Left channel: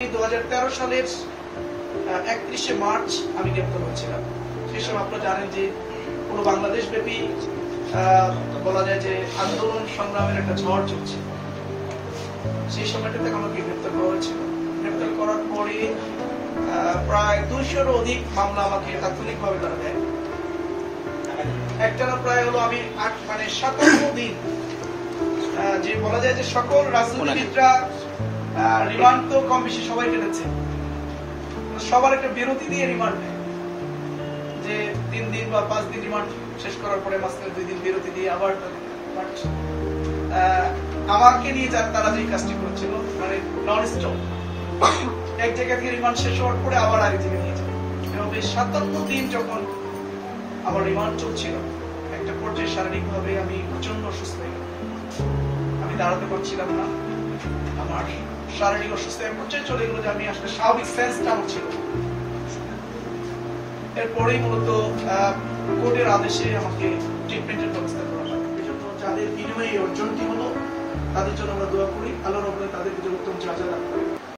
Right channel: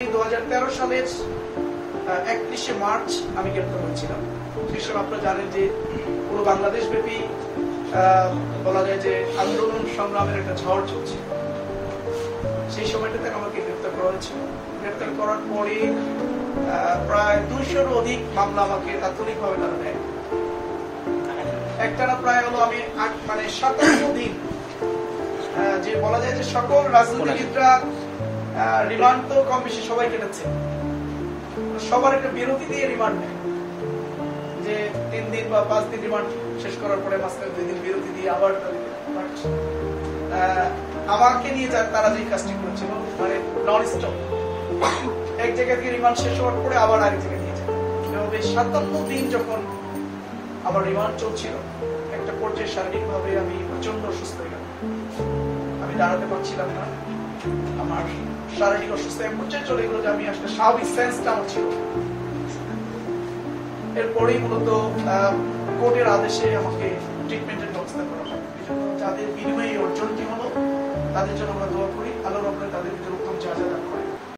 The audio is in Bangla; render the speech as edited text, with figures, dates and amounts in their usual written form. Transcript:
2013 সালের 31শে মার্চ আমি গ্রেপ্তার হয়েছিলাম। সেই সময় আপনারা জানেন যে পুরো বাংলাদেশ ব্যাপী বলা যায় যে আন্দোলন সংগ্রামের একটা ঝড় চলছে। সেই সময়টাতে আমাকে গ্রেপ্তার করা হয়েছিল। গ্রেপ্তার করার পরে প্রায় 200-এরও অধিক মামলা আমাকে তাৎক্ষণিকভাবে তারা দেয়। একটানা প্রায় হলো আমি 57 দিন, যে বলা যায় যে সকল রাজনীতিবিদরা রিমান্ড তো কম বেশি সবাই কেটেছে, সবার একটা বিরতি দিয়ে রিমান্ড নেয়, যে 3 দিন বা 5 দিন রিমান্ড শেষ করার পরে মাঝখানে 2 দিন বিরতি দিয়ে আবার আমাকে নিয়ে তারা যে কাজটি করছিল মানে নন স্টপ, এক জায়গা থেকে রিমান্ড শেষ হওয়ার পরে আবার আরেক জায়গায় নিয়ে যায়। এভাবে 57 দিন যখন আমার রিমান্ড চলছিল, একটা পর্যায়ে শারীরিকভাবে আমি প্রচন্ড অসুস্থ হয়ে গেলাম। আমি দাঁড়াতে পারছিলাম না, আমার শারীরিক অসুস্থ এক পর্যায়ে চলে গেল যে আমি আসলে স্বাভাবিক সেন্সটা আমার ছিল। এরপরেই মূলত কোর্টের আদেশে আমাকে ট্রিটমেন্টের ব্যবস্থা করা হয়। এজন্য যাদের বিনিময়ে অর্জনটি হলো তাদের জন্য আমরা দোয়া করি, আল্লাহ রাব্বুল তাদের ভিতরে উত্তম যা যা রাখা হয়।